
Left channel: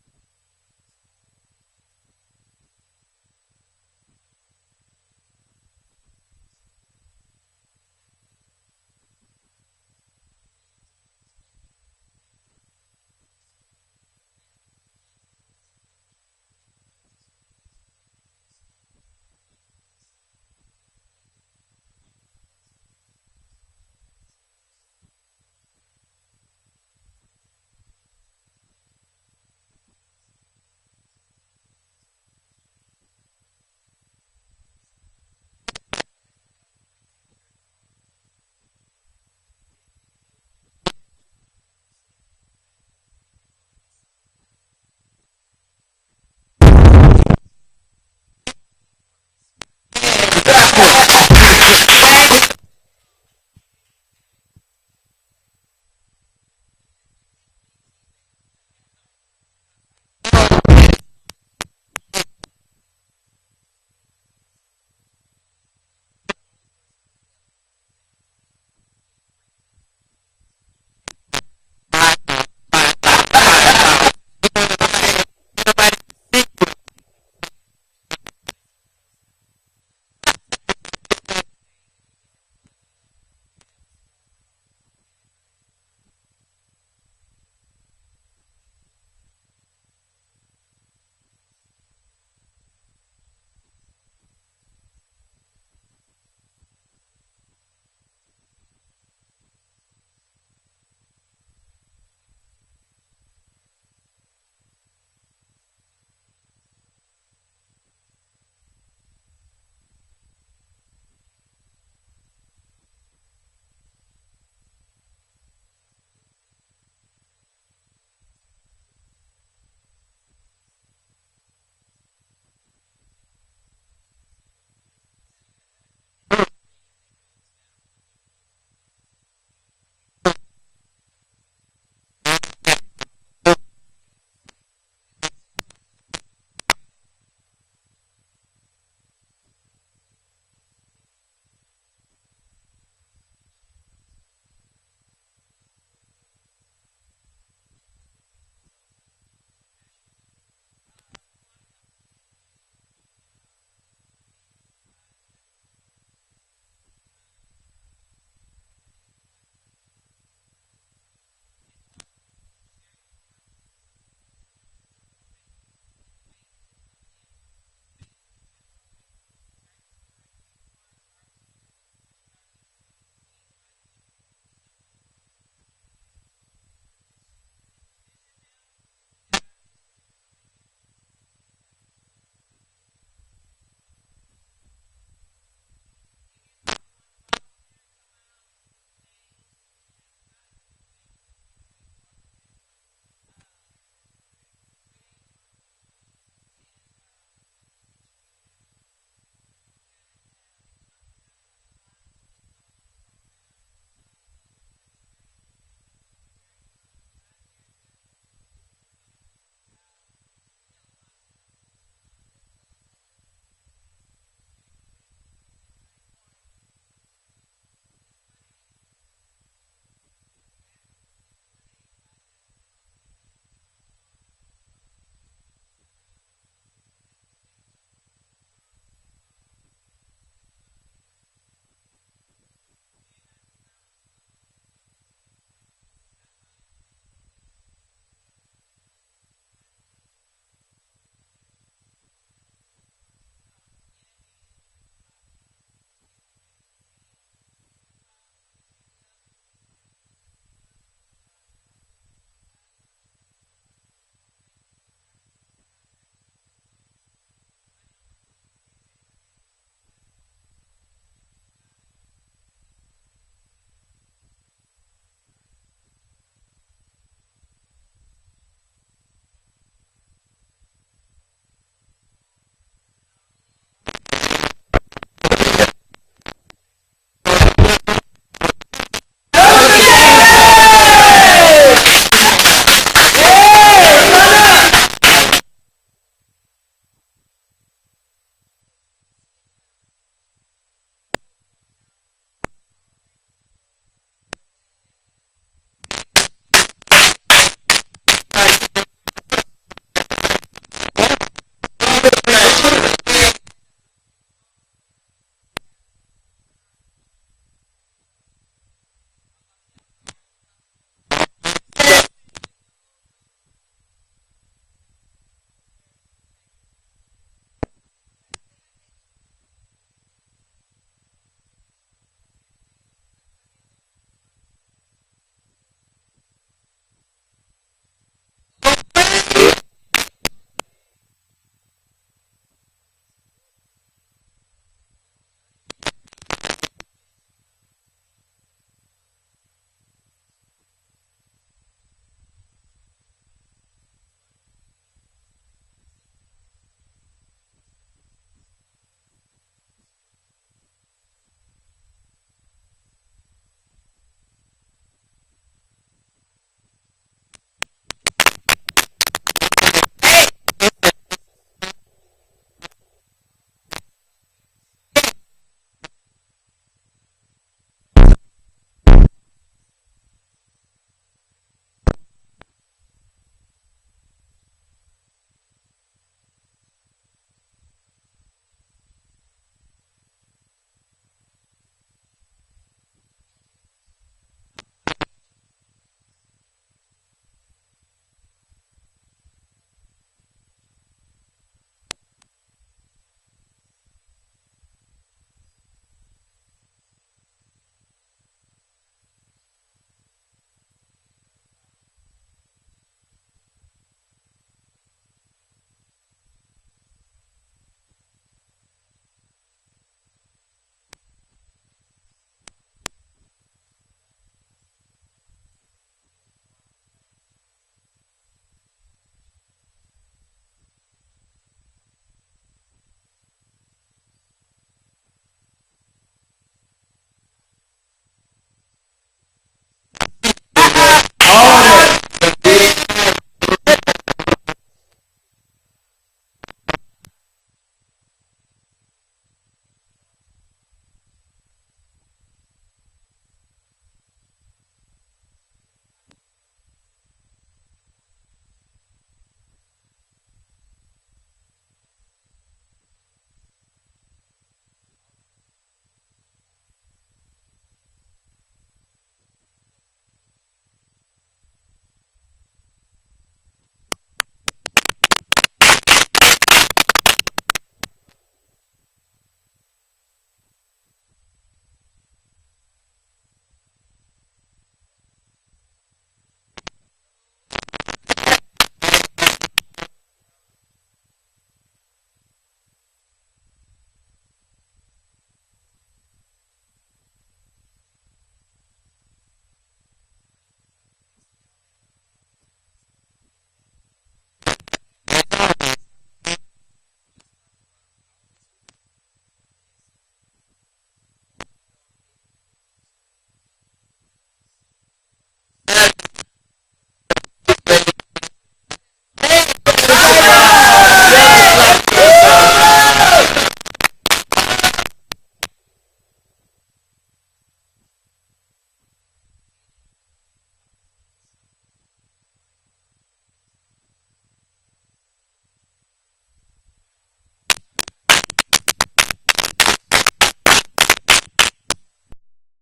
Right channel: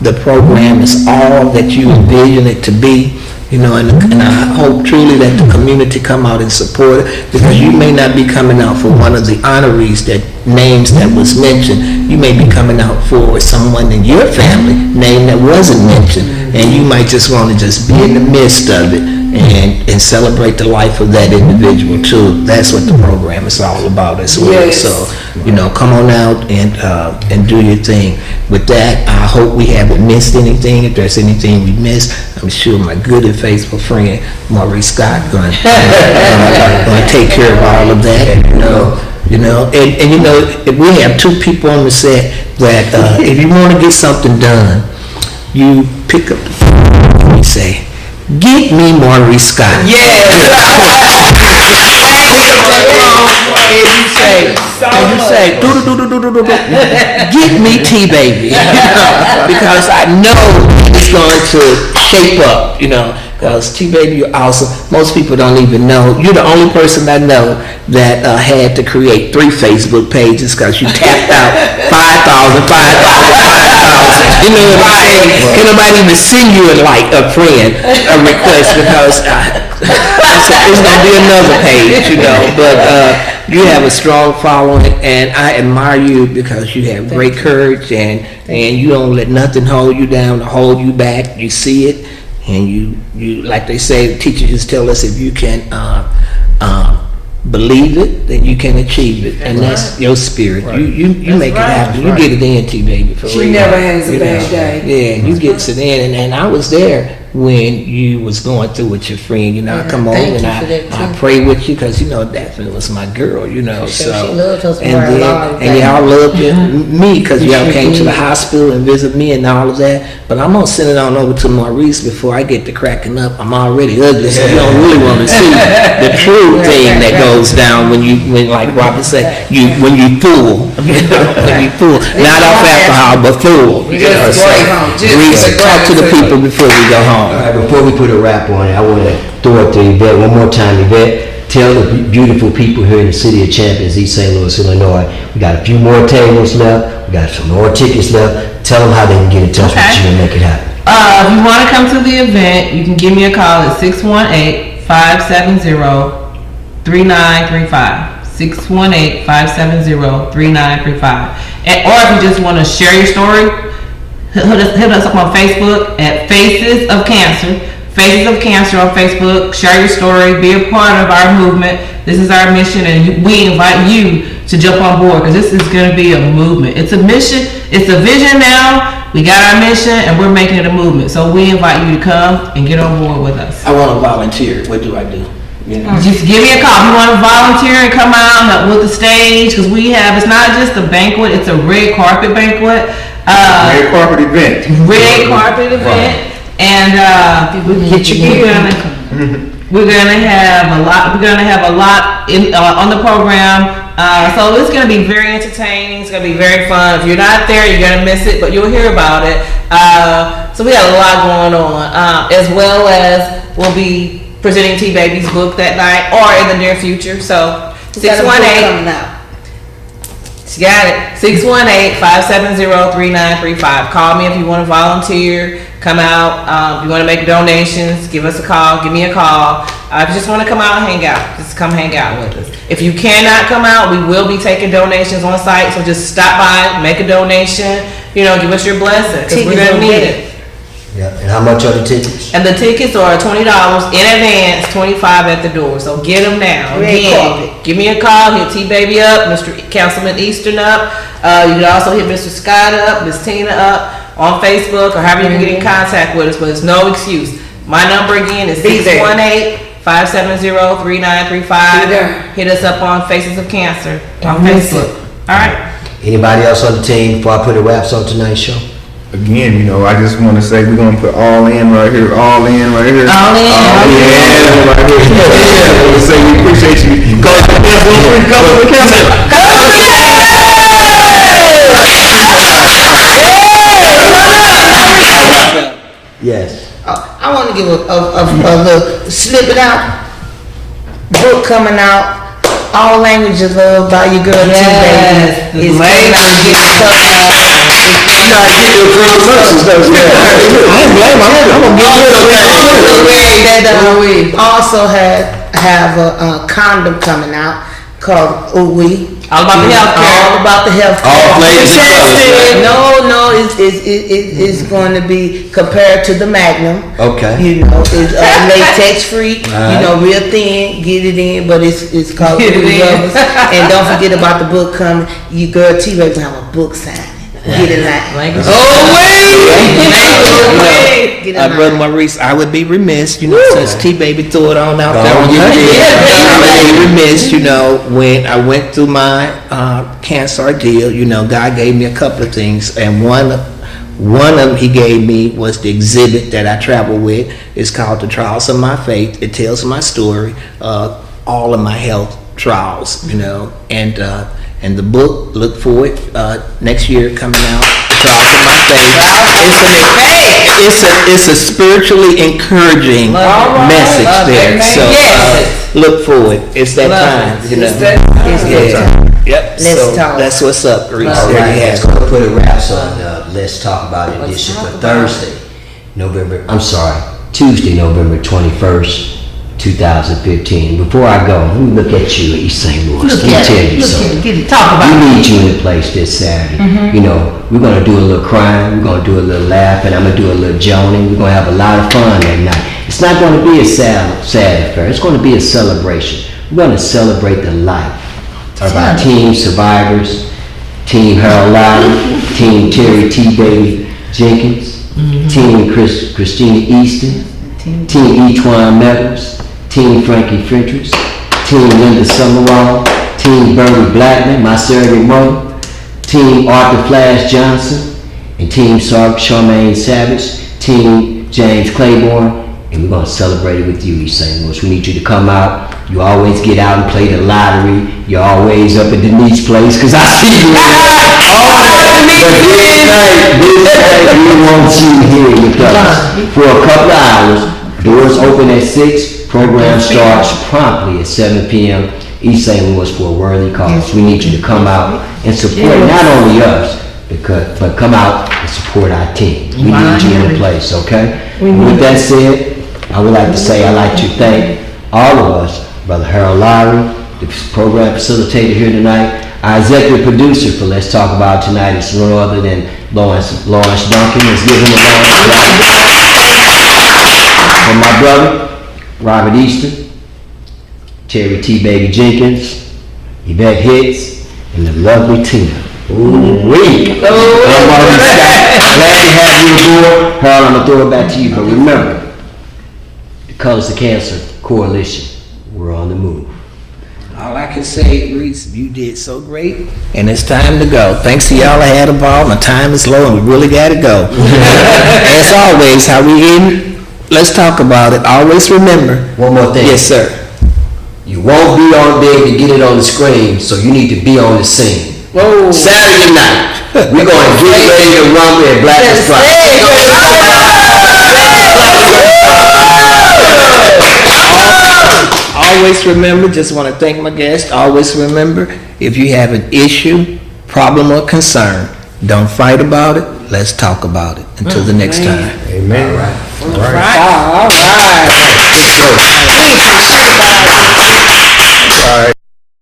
the program is all that you envision it to be. You know, and I hope truly that the community come out and support it, because you may not be coming out for one of the honorees that names that was mentioned. You may be coming out for someone in your family name that wasn't mentioned, and you might just want to just be in the midst of it. and celebrate the life of that individual too. That's what the program is all about as well. Yes. So, come on out and do your thing. With that, I hope we haven't missed anything. If there's anything we missed, I'm sure my good and faithful friend Maurice Scott going to take care of all of that. If we have two people on the set that if you want to get something done, you pick up the phone and you say, "Get me Maurice Scott." Yes. And you say, "Do-do-do-do-do-do-do. Get me T-Baby," because I know that it's going to shape up, because T-Baby, you're awesome. Most people don't even know. You're the only person I know that had to create 3 Facebook pages because you tapped out 5,000. You know what I'm saying? Can nobody even send you a friend a request because it's gonna be another page, But you have a strong following, and I admire you because you have great courage, and you don't let nothing hold you down or hold you back. You see it, and you like they say, teachers just tell us if you can believe it, then you can achieve it, and that's your spirit. You make it happen. You get it in, T-Baby. For She real. never has a bad day. Yeah, you get it in, and I was there when you was going through with your friend. I come on and I pray with you because Daphne was my girl. So she loved us and for a then long and y'all loved me because y'all came to the hospital and visit me and all of that. But I'm gonna send it on over to Maurice before I get to cracking up. I'm already ugly, so you don't really want to see the true thing that goes down when like Robert said, when you fool, when you fool, not off alcohol but fool. Maurice, talk to the people before we go home. All right, before we put a wrap on it, I want to throw it to Yvette one more time. Yvette, tell the beautiful people here in the city of Champions, East St. Louis, Illinois, we got a few more tables left, we got some more tickets left. Tell them how they can get in touch with you and make it happen. If you want to come to the event, you can give me a call at 618-570-3935. 618-570-3935. Or if you just want to share your story, hit us up on Facebook at Faces of Cancer. Faces of Cancer on Facebook. Share your story. Be a part of our movement. This is our mission, and we invite you to jump on board because this is going to be a movement. It's a mission. It's a vision now. We got our mission, and we're making it a movement. So we invite you to come and get on board with us. I want to volunteer. What do I do? Just give me a call. If you want to volunteer and come out and help with the stage, because it's not just a banquet, it's a red carpet banquet. Red carpet event. Red carpet event. And we're gonna have a lot. We're gonna have a lot on the program. So it's gonna be very entertaining. It's gonna be very fun. If you're not there, you're gonna miss it, but you'll hear about it. So we got a lot going on, as well as we'll be presenting T-Baby's book that night or in the near future. So 618. She got it. 618-570-3935. Call me if you want to volunteer. Come out. If you want to make donations, give us a call. Give me a call. If you just want to come out and hang out, just come hang out with us. If you cannot come out, we will be taking donations on site. So just stop by, make a donation. Give us your blessing because we're going to need it. Yeah, and how much are the tickets? And the tickets are $20 in advance, $25 at the door. So get them now. Again, give me a call. Hit T-Baby up, Mr. Councilman Easton up. You can also hit Mr. Scott up, Ms. Tina up on Facebook or however you can get in contact with us. But it's no excuse. My number again is 618-570-3935. Hit us up on Faces of Cancer on Facebook. All right. Anybody else on the team before I put the wraps on tonight's show? Again, I just want to say we're going to put all in right here, all in right here. All in. All in right here. Yeah, I want to say we appreciate you. Go to the council. Go to the council. Yes. I want to give a little snippet out. Book coming out. All Languages Loved by your girl Yes, T-Baby. It's coming out and getting covered. You gotta get your promotions though. I ain't blame him. I'm gonna get rid of That also have a condom coming out. called OWE. All about the healthcare. All about the healthcare. All flavors and colors, right? No, it's going to be compared to the Magnum. Okay. You know, it's latex free. Right. You know, real thin. Get it in, but it's called Get it Blue in. Rubbers. And don't forget about the book coming. You girl T-Ray gonna have a book signing. Get it line. Language. Get it Brother line. Maurice, I would be remiss, since T-Baby threw it on out Go there. on, get it in. I would be remiss, when I went through my cancer ordeal, God gave me a couple of things, and one of them He gave me was the exhibit that I travel with. It's called The Trials of My Faith. It tells my story, all of my health trials, and the book, look for it next year coming out. The Trials of My Faith. It's a spiritually encouraging message there. Amen. So Yes. look for it. It's that Love time. it. It's that time. Yep. Let's so talk. that's what's up, Reese. All There right, you let's have go it. put a wraps on Let's Talk About It edition for Thursday, Tuesday, November 21st, 2015. Before I go, let me look at you, East St. Louis. Let me tell you something. Get it. Talk about We it. need you in the place this Saturday. We're going to do a little crying, we're going to do a little laughing, I'm going to do a little joning. We're going to have a lot of fun that night. It's not going to be a sad affair. It's going to be a celebration. We're going to celebrate the life of our team survivors, Team Harold Lawary, Team Terry T. Jenkins, Team Christina Easton, Team Etwan Meadows, Team Frankie Frentress, Team Linda Summerall, Team Bernie Blackman, my surrogate mother, Team Arthur Flash Johnson, and Team Charmaine Savage, Team James Claiborne, and we're going to celebrate it with you, East St. Louis. We need you to come out. You always get out and play the lottery. You're always up at Denise's place, because I see you in there. All that. But this night, we want you here with us for a couple of hours. Doors open at 6. Program starts promptly at 7 p.m. East St. Louis for a worthy cause. We need you to come out and support not only us, but come out and support our team. We need you in the place, okay? And with that said, I would like to say I'd like to thank all of us, Brother Harold Lawary, the program facilitator here tonight, our executive producer for Let's Talk About It tonight is no other than Lawrence Duncan. Let's give him a round of applause. For my brother, Robert Easton, Terry T. Jenkins, Yvette Hicks, and the lovely Tina. Ooh-wee. I'm Maurice Scott. Glad to have you aboard. Harold, I'm going to throw it back to you, but remember, the Colors of Cancer Coalition, we're on the move. All I can say, Reese, you did so great, and it's time to go. Thanks to y'all I had involved. My time is low, and we really got to go. As always, how we end, let's talk about it. Always remember. One more thing. Yes, sir. You won't be able to get it on the screen, so you need to be on the scene. Whoa. Saturday night, we're going to get ready to rumble at Black and Always remember, just want to thank my guest. Always remember, if you have an issue, problem, or concern, don't fight about it. Let's talk about it. Until the next time. Amen. All right. Good show. All right.